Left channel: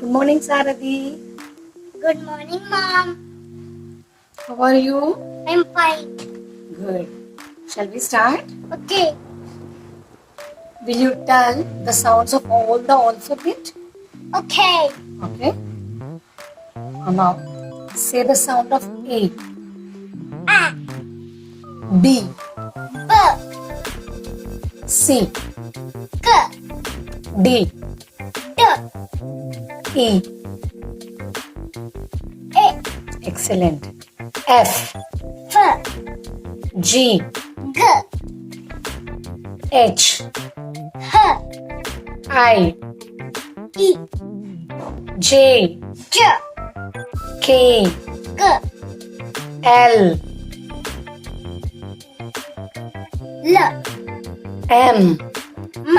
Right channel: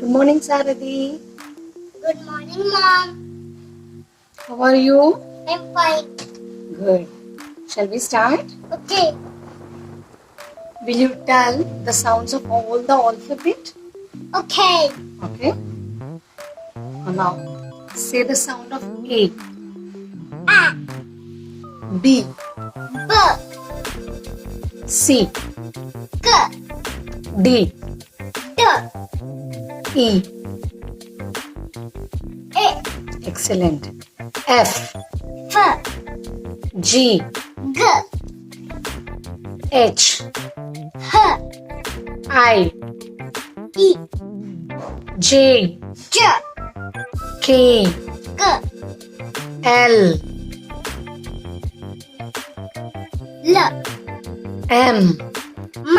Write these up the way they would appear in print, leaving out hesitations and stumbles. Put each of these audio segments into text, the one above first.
Good morning, Sarathi. Good morning, Mom. How are you? I'm fine. Good. Shall we start? Okay. Will you tell the sounds of all the alphabet? Okay. Okay. Now, say the sound of A, A, B, B, C, K, D, D, E. A, Excellent. F, F, G, G, H, H, I, E, J, J, K, K, L, L, M, M,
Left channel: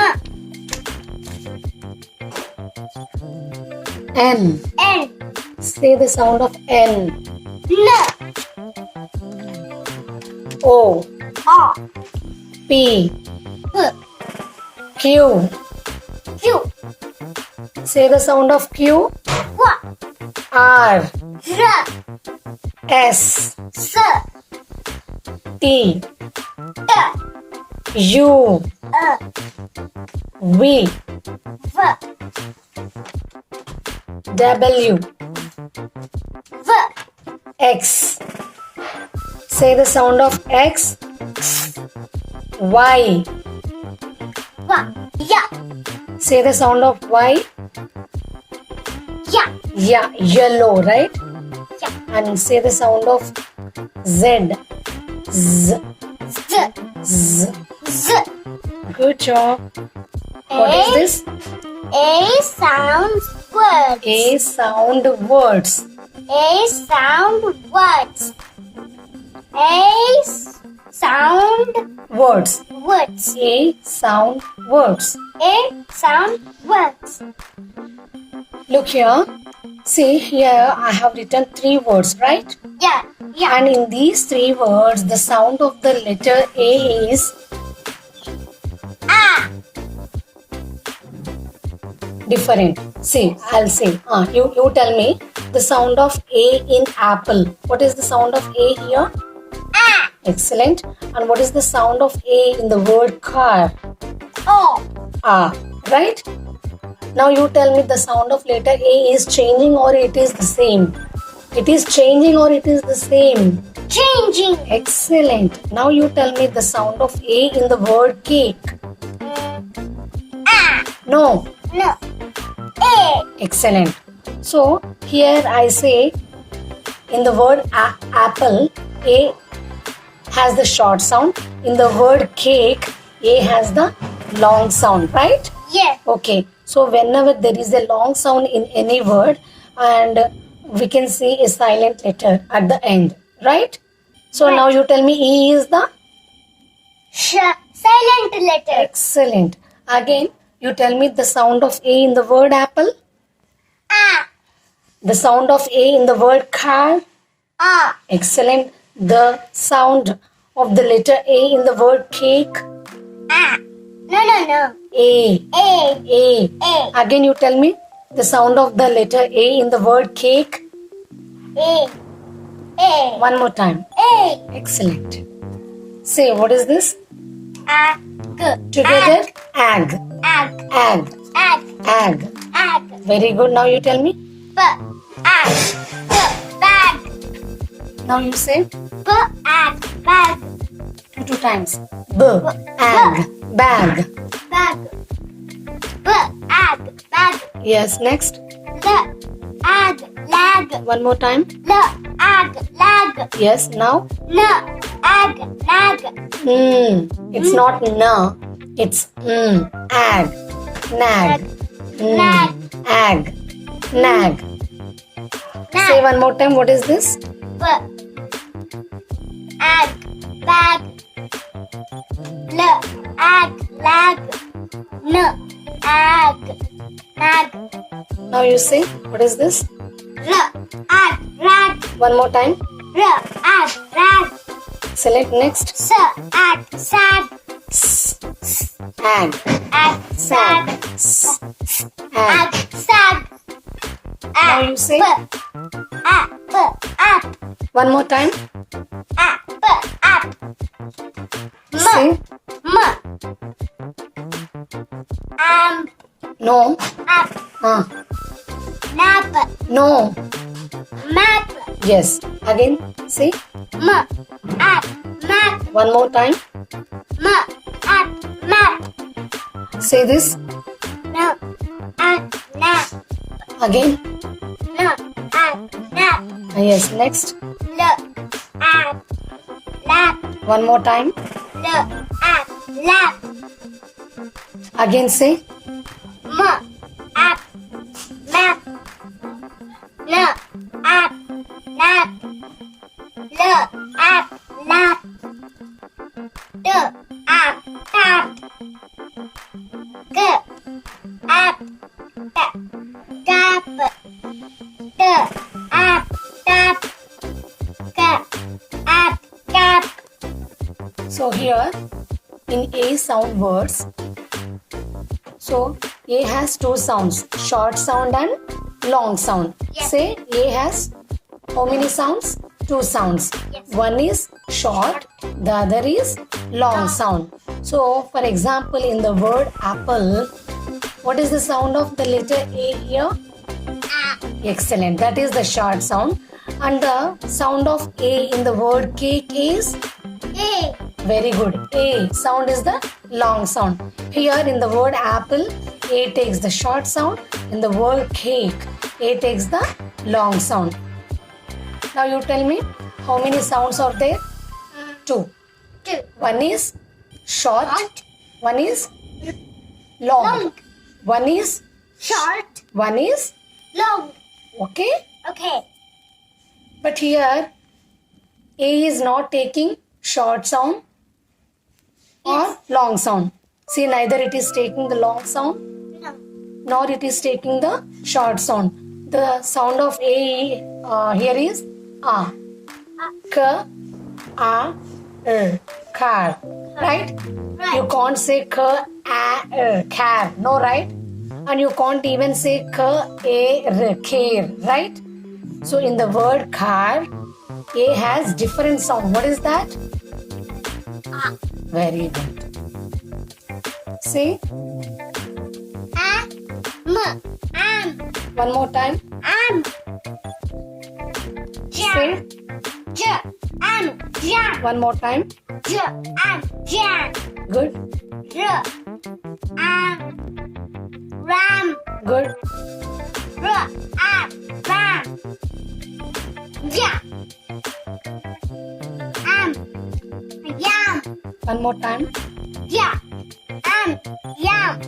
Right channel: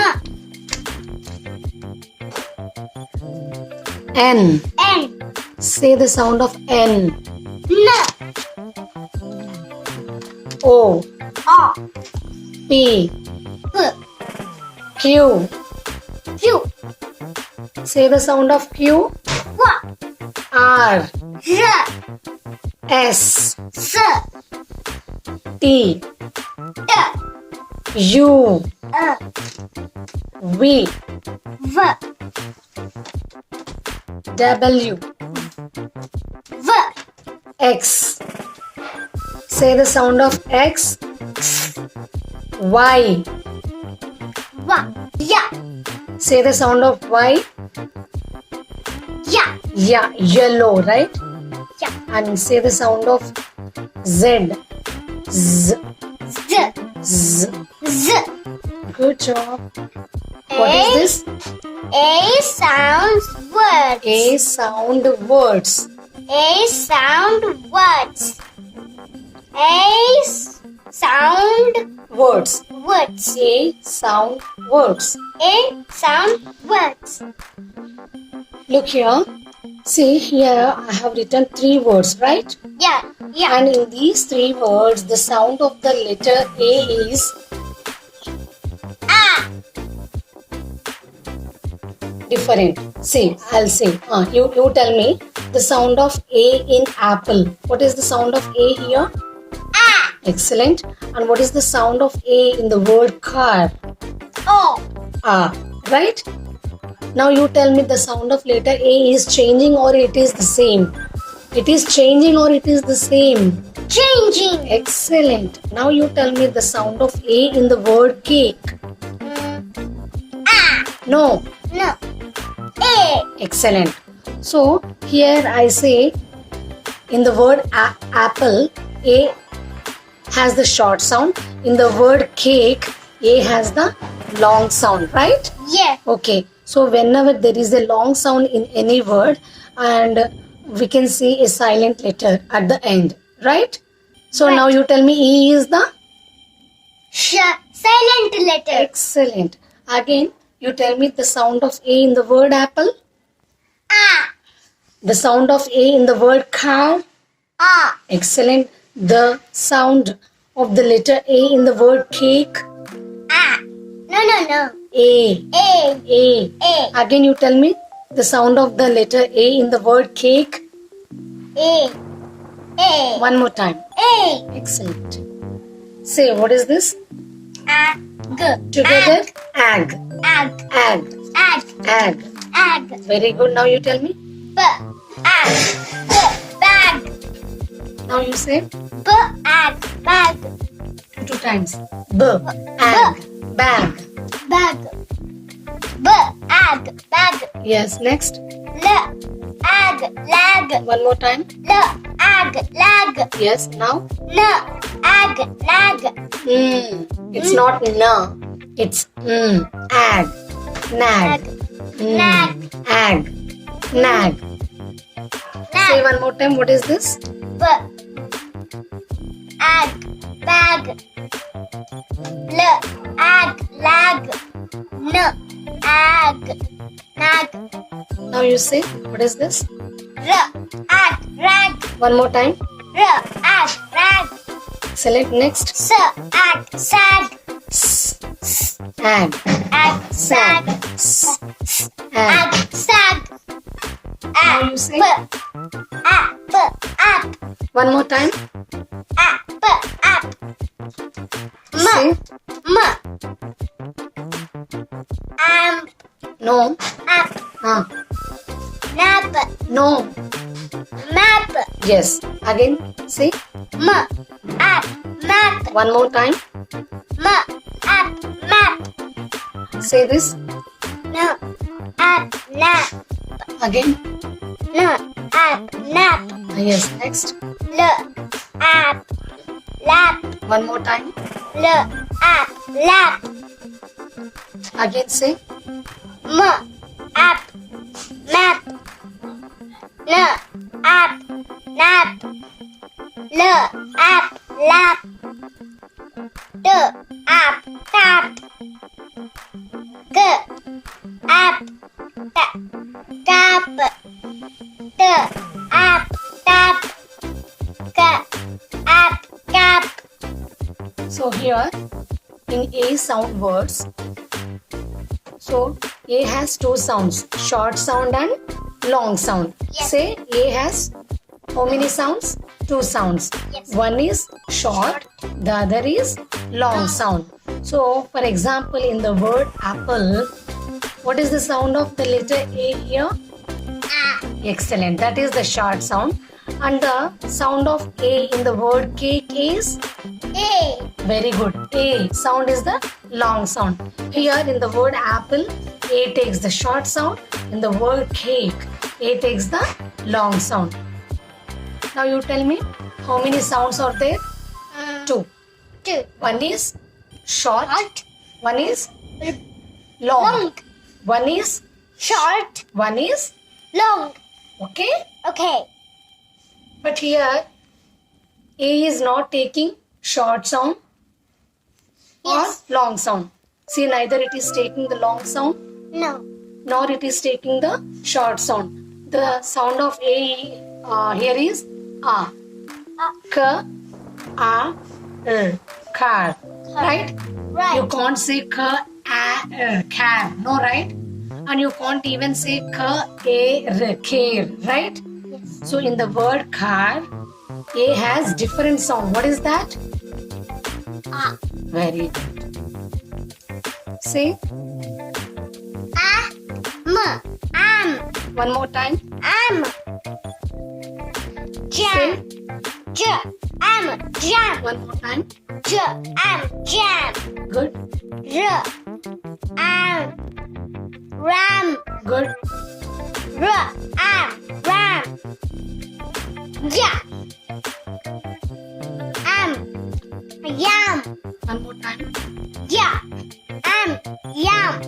N. N, Say the sound of N. N, O, O, P, P, Q. Q, Say the sound of Q. Q, R, R, S, S, T, T, U, V, V, W, V, X. Say the sound of X. Y. Y, yeah, Say the sound of Y. yeah, Yeah, yellow, right? yeah, And say the sound of Z. Z. Z, Z. Z. Good job. What is this? A sounds words. A sound words. A sound words. A sound Words. words. A sound words. A sound words. Look here. See here I have written 3 words, right? Yeah, yeah. And in these 3 words the sound of the letter A is A, different. See, I'll say. You tell me the sound of A in apple. What is the sound of A here? A, Excellent. And what is the sound of A in the word car? O, Ah, right? Now you tell me the sound of letter A is changing or it is the same? It is changing or it is the same? changing. Excellent. Now you tell me the sound of A in the word cake. A, No. no. A, Excellent. So here I say in the word apple, A has the short sound. In the word cake, A has the long sound, right? yeah, Okay. So whenever there is a long sound in any word and we can see a silent letter at the end, right? So Right. now you tell me E is the? silent letter. Excellent. Again, you tell me the sound of A in the word apple. A, The sound of A in the word car. A, Excellent. The sound of the letter A in the word cake. A. No. A. A, A. A, Again you tell me the sound of the letter A in the word cake. A, A, One more time. A, Excellent. Say, what is this? A, G, Together? Ag. Ag, Ag. ag, Ag. ag, Very good. Now you tell me. B, ag, B, bag, Now you say B, ag, bag, 2 times. B. Ag. Bag. bag, B, ag, bag, Yes. Next. L, ag, lag, One more time. L, ag, lag, Yes. Now. N, ag, lag, It's not na. It's ag. Nag. nag, Ag. Nag. Say one more time. What is this? B, ag, bag, L, ag, lag, N, ag, nag, Now you say. What is this? R, ag, rag, One more time. R, ag, rag, Select next. S, ag, sag, Ag. ag, sag, Ag. ag, sag, Now you say App. one more time. App. Say no. App. Nap. No. Map. Yes. Again say App. Map. one more time. App. Map. Say this No. App. Nap. again. No. App. Nap. Yes. Next. Look. App. Lap. One more time. Look. App. Lap. Again say App. Map. No. App. Nap. Look. App. Lap. Do. App. Tap. Go. App. Tap. Tap. Do. App. Tap. Go. App. Tap. so here in A sound words. So A has two sounds, short sound and long sound. Yes. Say A has how many sounds? Two sounds. Yes. One is short, the other is long sound. So for example, in the word apple, what is the sound of the letter A here? Excellent. That is the short sound. And the sound of A in the word cake is? A. Very good. A sound is the long sound. Here in the word apple, A takes the short sound. In the word cake, A takes the long sound. Now you tell me how many sounds are there? Two. 2. One is short. Short. One is long. Long. One is Short. one is Long. okay. Okay. But here A is not taking short sound or Yes. long sound. See, neither it is taking the long sound No. nor it is taking the short sound. The sound of A here is A. K, A, R. Car. Right? Right. You can't say K, A, R. Car. No, right? And you can't even say K, A, R. Care. Right? So in the word car, A has different sound. What is that? Very good. Say Am. one more time. Am. Say Jam. Am. Jam. one more time. Am. Jam. Good. Am. Ram. Good. Am. Ram. Jam. Am. Yam. One more time. Yeah. Am. Yam.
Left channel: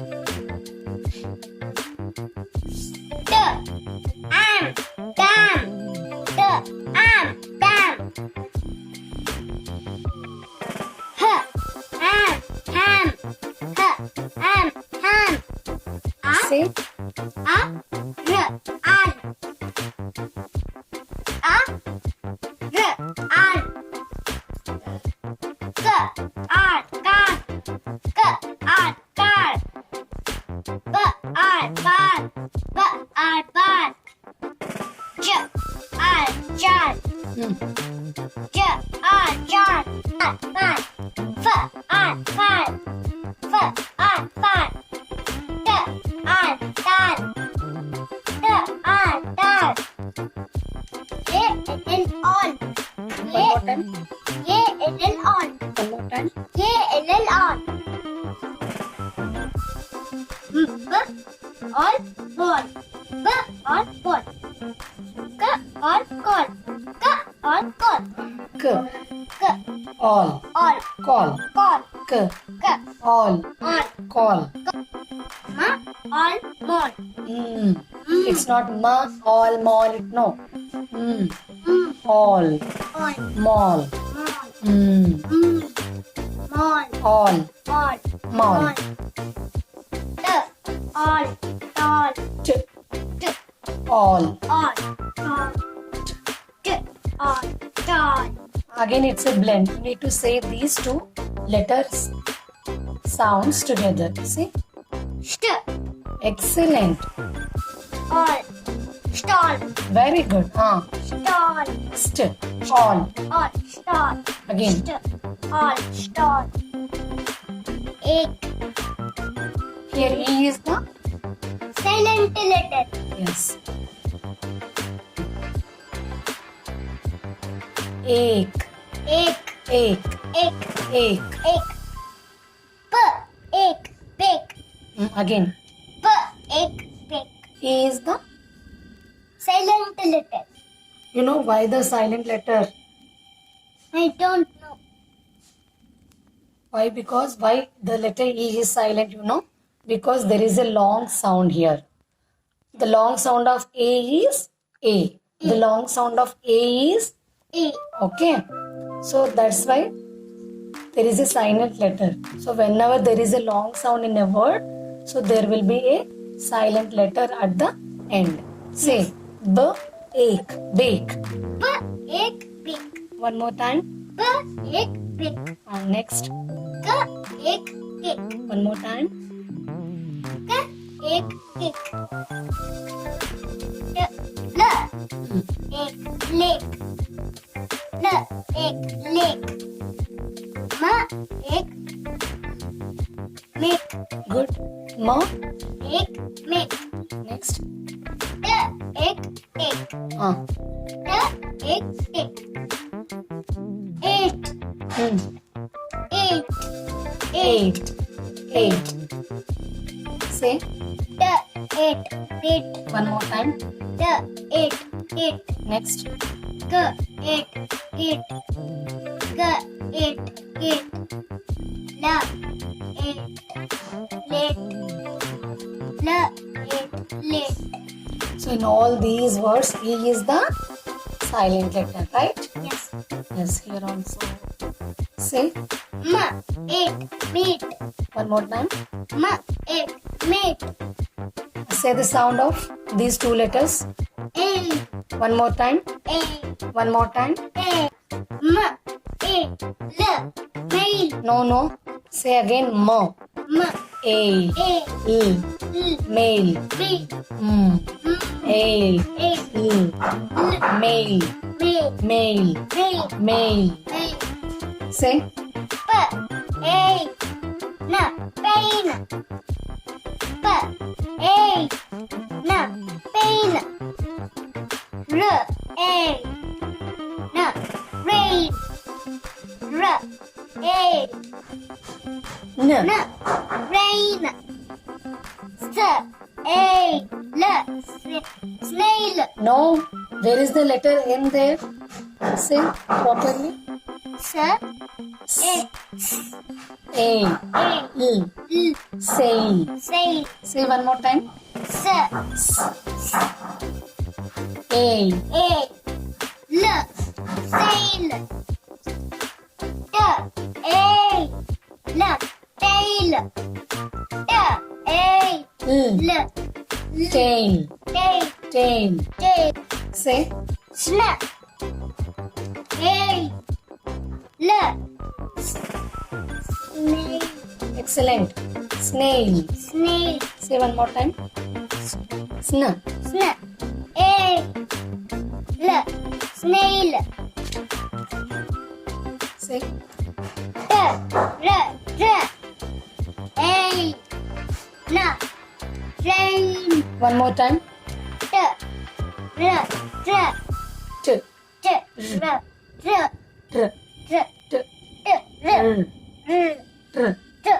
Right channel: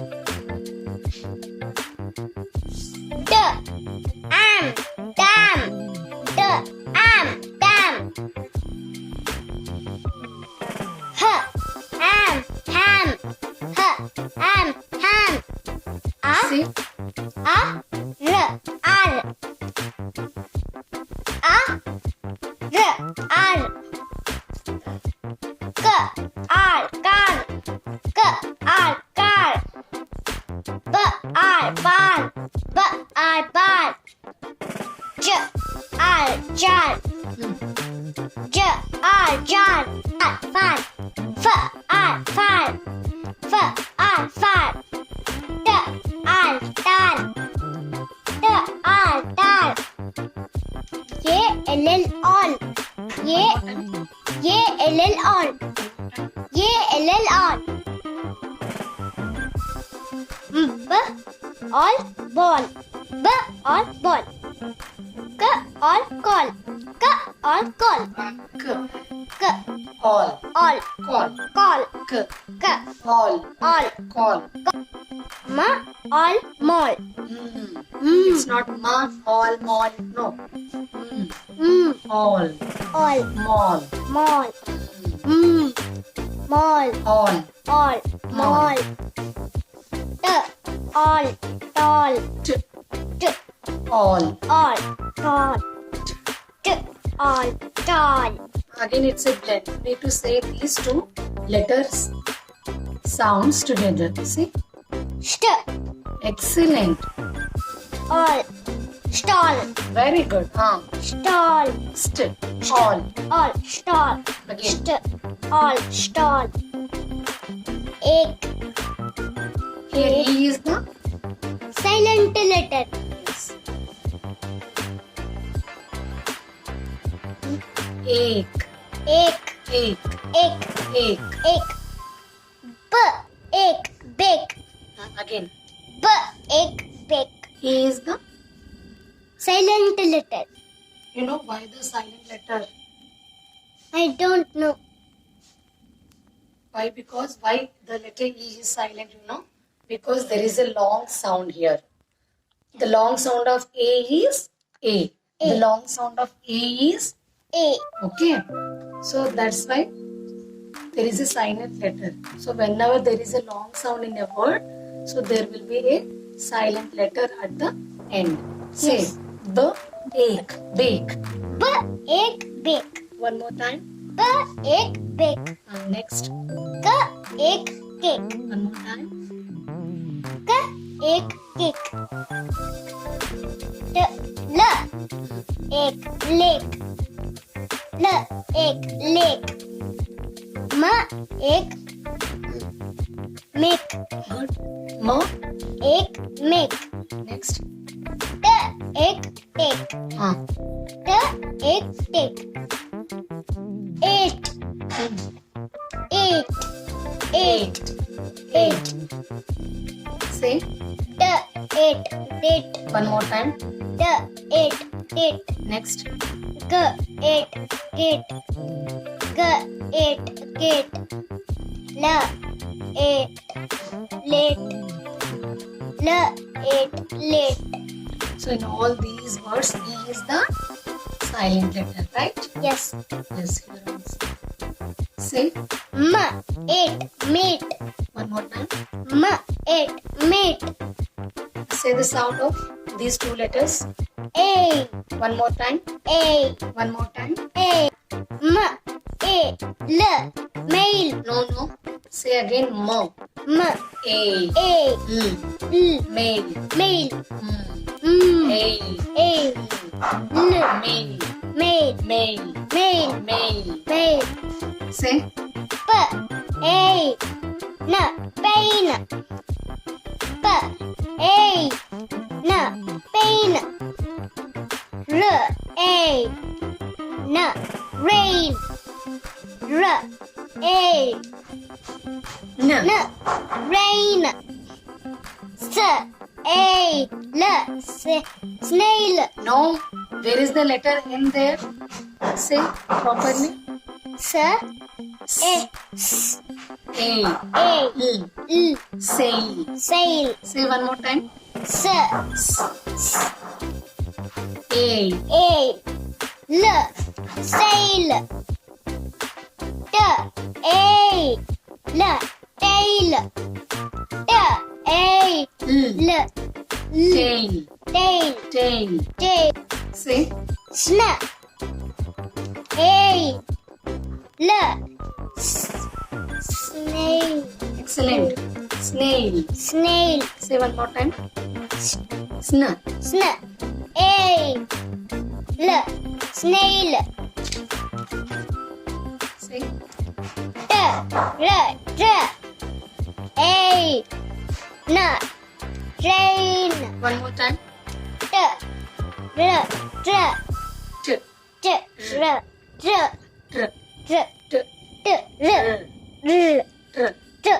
Am. Dam. Am. Dam. Am. Ham. Am. Ham. Say Ar. Ar. Car. Car. Bar. Jar. Jar. Far. Far. Tan. All. All. All ball. All ball. All call. All call. K. All. All Call. call. K. All. All Call. all mall. It's not ma, all, mall. No. All. All Mall. mall. Mall. All. All Mall. All tall. T. All. All tall. All tall. Again, it's a blend. You need to say these two letters sounds together. See? St. Excellent. All. Stall. Very good. Stall. St. All. All. Stall. Again. All. Stall. Egg. Here E is the Silent letter. yes. Egg. Egg. Egg. Egg. Egg. Egg. B. Egg. Bake. Again. B. Egg. Bake. E is the. Silent letter. You know why the silent letter? I don't know. Why? Because why the letter E is silent, you know? Because there is a long sound here. The long sound of A is A. The long sound of A is A. okay. So that's why there is a silent letter. So whenever there is a long sound in a word, so there will be a silent letter at the end. Say Yes. B, egg, bake. B. Egg. Bake. One more time. B. Egg. Bake. Next. K. Egg. Cake. One more time. K. Egg. Cake. D. L. Egg. Lake. L. Egg. Lake. M. Egg. Make. Good. M. Egg. Make. Next. T. Egg. Take. T. Egg. Take. Eight. Eight. Eight. Eight. Say D. Eight. Date. one more time. D. Eight. Date. Next. G. Eight. Gate. G. Eight. Gate. L. Eight. Late. L. Eight. Late. So in all these words, E is the silent letter, right? Yes. Yes, here also. Say M. Eight. Mate. one more time. M. Eight. Mate. Say the sound of these two letters. A. One more time. A. One more time. A. M. A. L. Mail. No, no. Say again. M. M. A. A. L. L. Mail. Mail. M. M. A. A. L. L. Mail. Mail. Mail. Mail. Mail. Mail. Say P. A. N. Pain. P. A. N. Pain. R. A. N. Rain. R. A. N. N. Rain. S. A. L. Snail. No. Where is the letter N there? Say properly. S. A. A. A. L. L. Sail. Sail. Say one more time. S. A. A. L. Sail. T. A. L. Tail. T. A. L. L. Tail. Tail. Tail. Tail. Say Sn. A. L. Snail. excellent. Snail. Snail. Say one more time. Sn. Sn. A. L. Snail. Say T. R. A. N. Train. one more time. T. R. T. T. R. Tr. T. T. R. Tr. Tr. T.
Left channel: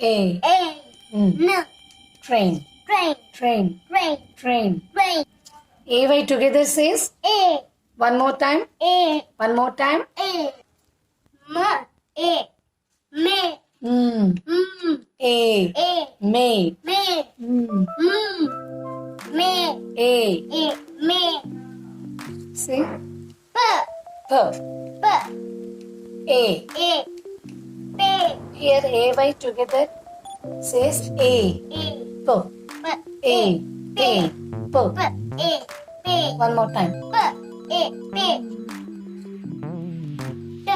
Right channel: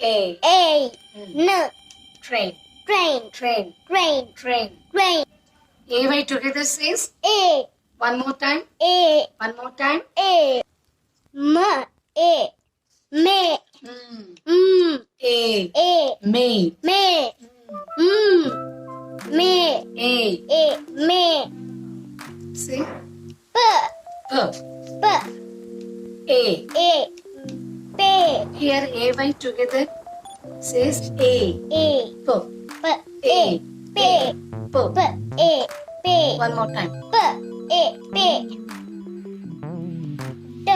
A. A. Mm. N. Train. Train. Train. Train. Train. Train. AY together says A. one more time. A. One more time. A. M. A. May. Mm. A. A. May. May. Mm. May. A. A. May. Say P. P. P. A. A. Pay. Here AY together says A. A. P. P. A. Pay. P. P. A. Pay. One more time. P. A. Pay. T.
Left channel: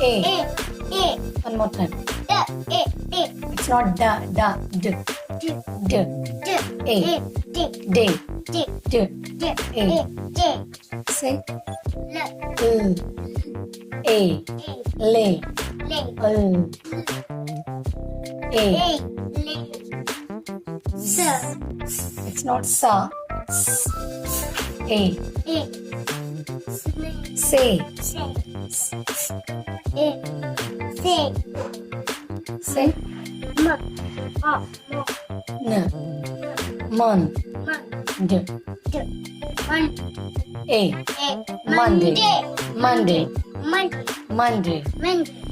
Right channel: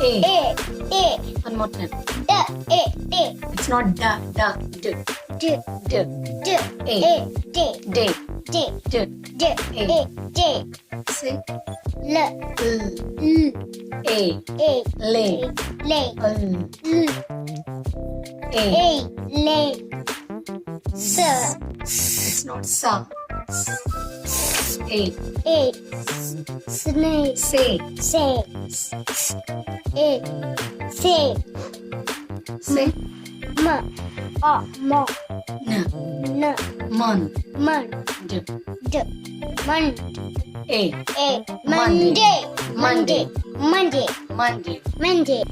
A. A. A. One more time. T. A. T. It's not da, da, d. D, D, D, A, A, D, day, D, D, D, A. A, D, say, L, L, L, A, A, lay, lay, L, L, A. A, lay, S, It's not sa. A, snake, say, say, A, say, say, mo, n, n, mon, man, d, d, man, A, A, Monday, Monday, Monday, Monday, Monday, Monday,